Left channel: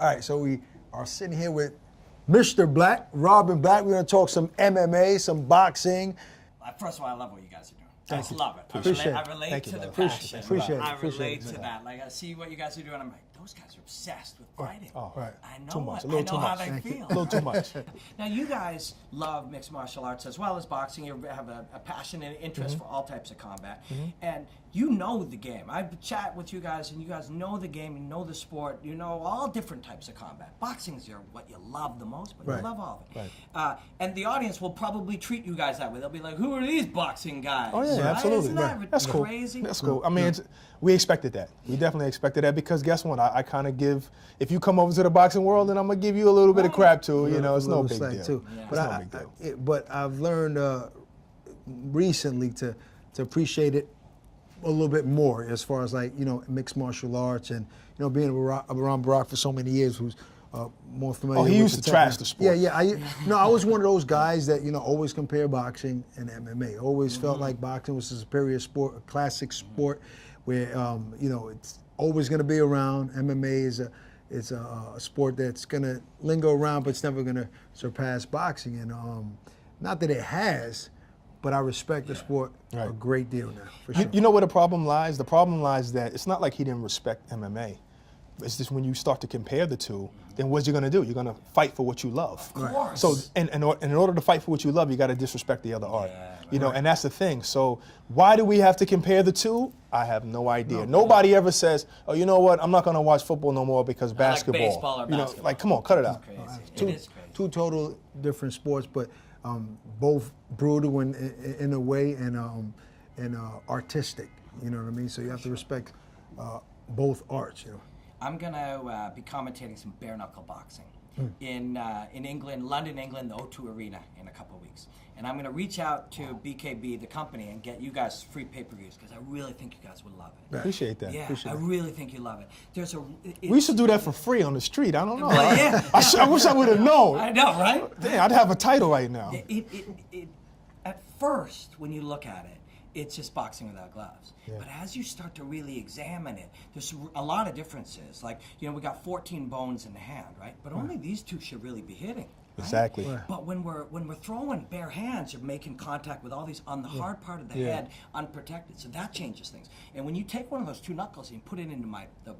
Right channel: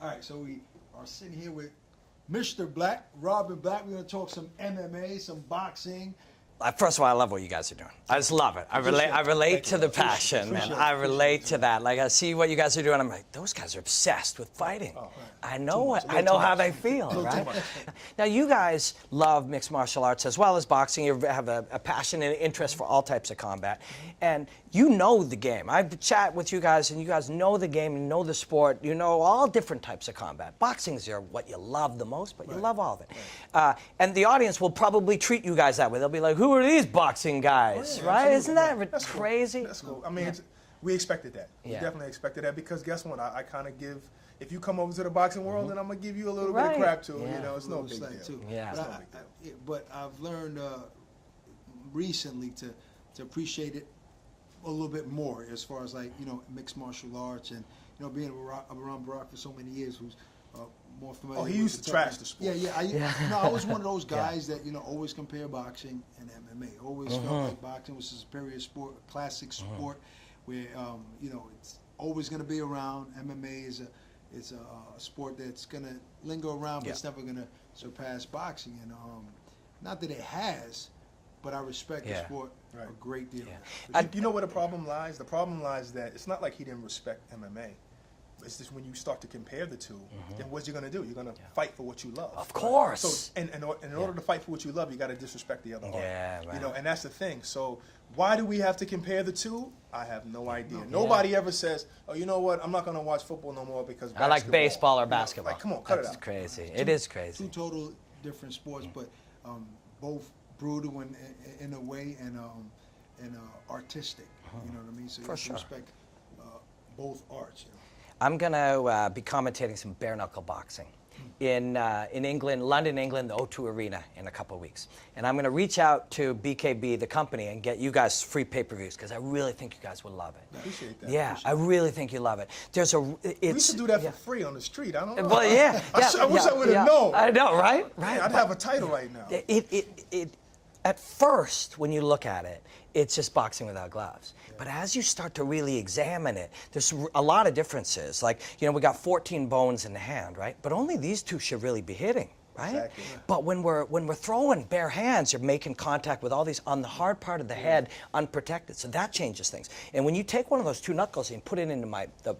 All right, so we are sitting here with Mr. Black, Robin Black. We're going to talk some MMA, some boxing. First of all, I love what you guys are doing. I just love it. I relate to the passion. I relate to that. Like, I see what you guys are doing. I'm like, those guys are obsessed with fighting. Right. I know how they feel. Right? Now, you guys love mixed martial arts as well as boxing. You have a passion and interest for all types of combat. And you know the game. I've chat with you guys, and you guys know the game. You know the sport. You know all different types of combat. Boxing is what you love the most, but you love all of it. And the audience will probably treat you guys that way. They'll be like, who are these boxing guys? Oh, yeah, right? absolutely. Isn't that That's crazy? Cool. That's cool. I mean, we expected that. We definitely expected that because guess what? I kind of give, if you come over to the boxing world, then I'm going to give you a little bit of crap too. You know, it's no big deal. Too. Yeah. But, it's no big deal. But I've learned recently to appreciate it a little bit more as far as like, you know, mixed martial arts and, you know, being around Barack for so many years who's more familiar with he used to trash the sport. No, I was one of those guys that, you know, always compare boxing and MMA. Always felt like boxing was a superior sport, a classic sport where, you know, it's always going to be around. MMA is a sport that's going to linger around, but it's never going to surpass boxing. And not that it has, but I respect the sport a great deal. Sure. You know where the problem lies? The problem lies that it's not like he didn't respect MMA. It's just when you start to compare the two, then what you're going to do? You're going to fight for what you love. Of course. So, in order to fight for what you love, you got to disrespect the other art. Right. You know, and that's the thing. So, why do we have to compare the two? I have no idea. Nobody ever says, "Oh, you know what? I'm not going to watch football no more because basketball." I like baseball or you know, basketball. like, come on, cut it out. It's crazy. It is crazy. Two total different sports, but both brutal in a way and artistic. You know what I mean? So you have to respect both arts. You know. I'm going to be commentating some bare-knuckle boxing in England, London, England, the O2 Arena in a couple of weeks. And I'm going to reach out to BKB, the company, and get you guys free pay-per-views because I really think you guys would love it. Appreciate that. Yeah, Appreciate I really think you love it. We used to do that for free on the street. I don't know. Well, I wish I would have known. I know, right? Yeah, I'd have a title right now. At first, when you look at it, it's just boxing without gloves. But as you start to really examine it, there's a lot of differences. Like, you know, we got 14 bones in the hand, right? But only these two should really be hitting. Right? Exactly. Right. But when we're throwing bare hands, you're making contact with all these on the hard part of the head, unprotected. So that changes things. And when you take one of those two knuckles and put it into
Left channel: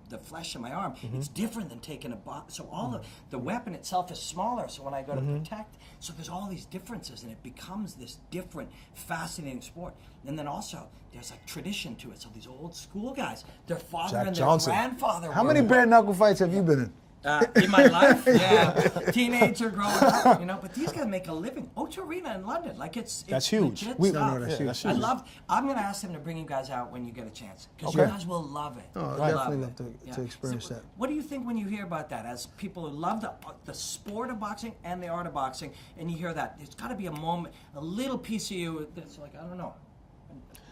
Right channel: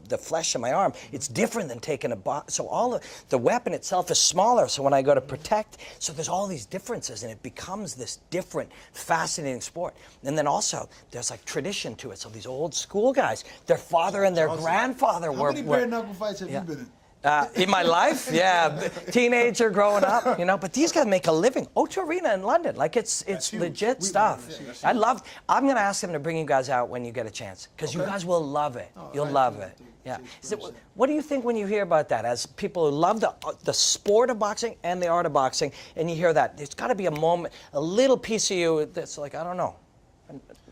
the flesh of my arm, it's different than taking a box. So all the weapon itself is smaller. So when I go to protect, so there's all these differences, and it becomes this different, fascinating sport. And then also there's like tradition to it. So these old school guys, their father and their grandfather were. How many bare knuckle fights have you been in? In my life, teenager growing up, you know. But these guys make a living. O2 Arena in London, like it's legit stuff. I'm going to ask them to bring you guys out when you get a chance, because you guys will love it. You'll love it. So, what do you think when you hear about that? As people who love the sport of boxing and the art of boxing, and you hear that, there's got to be a moment, a little piece of you that's like, I don't know.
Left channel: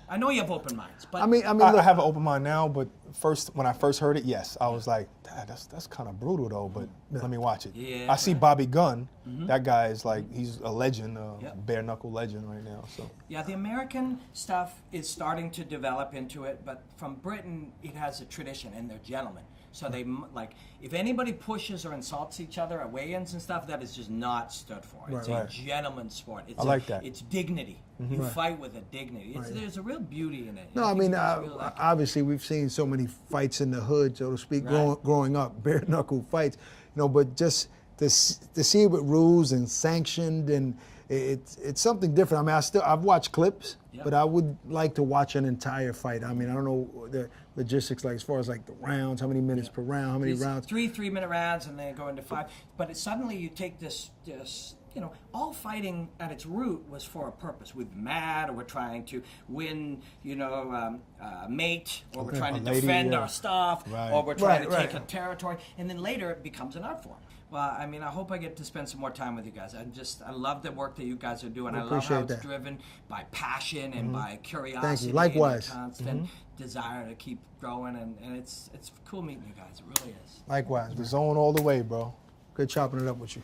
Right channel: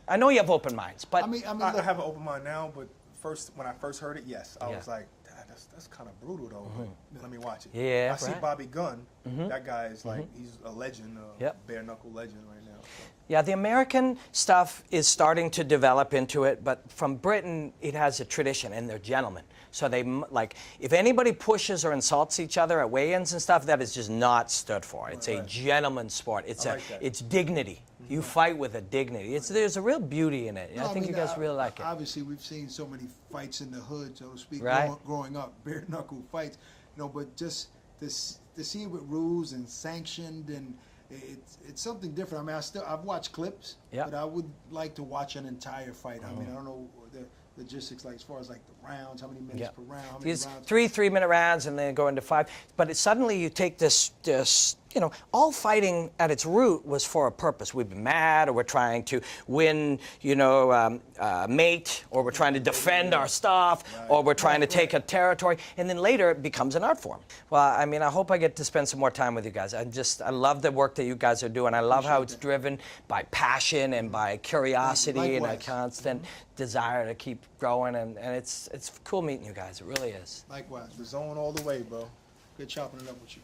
I know you have open minds, but I mean, I have an open mind now. But when I first heard it, yes, I was like, that's kind of brutal though, but let me watch it. Yeah, I see Bobby Gunn. That guy is like, he's a legend, bare knuckle legend right now. So. Yeah, the American stuff is starting to develop into it, but from Britain, it has a tradition, and they're gentlemen. So they, like, if anybody pushes or insults each other at weigh-ins and stuff, that is just not stood for. It's a gentleman's sport. It's it's dignity. You fight with a dignity. There's a real beauty in it. No, I mean, you guys really like it. Obviously, we've seen so many fights in the hood, so to speak, growing up, bare knuckle fights. You know, but just to see it with rules and sanctioned, and it's something different. I mean, I've watched clips, but I would like to watch an entire fight. I mean, I don't know the logistics, like as far as like the rounds, how many minutes per round, how many rounds. 3-3-minute rounds, and then go into 5. But suddenly you take this, you know, all fighting at its root was for a purpose. We've been mad, or we're trying to win, you know, mate, or we're trying to defend our stuff, or we're trying to take a territory, and then later it becomes an art form. Well, I mean, I hope I get to spend some more time with you guys. I love the work that you guys are doing. I love how it's driven by passion and by curiosity and a constant desire to keep growing, and it's cool meeting you guys. It really is. Likewise. The zone all the way, bro. Good chopping it up with you.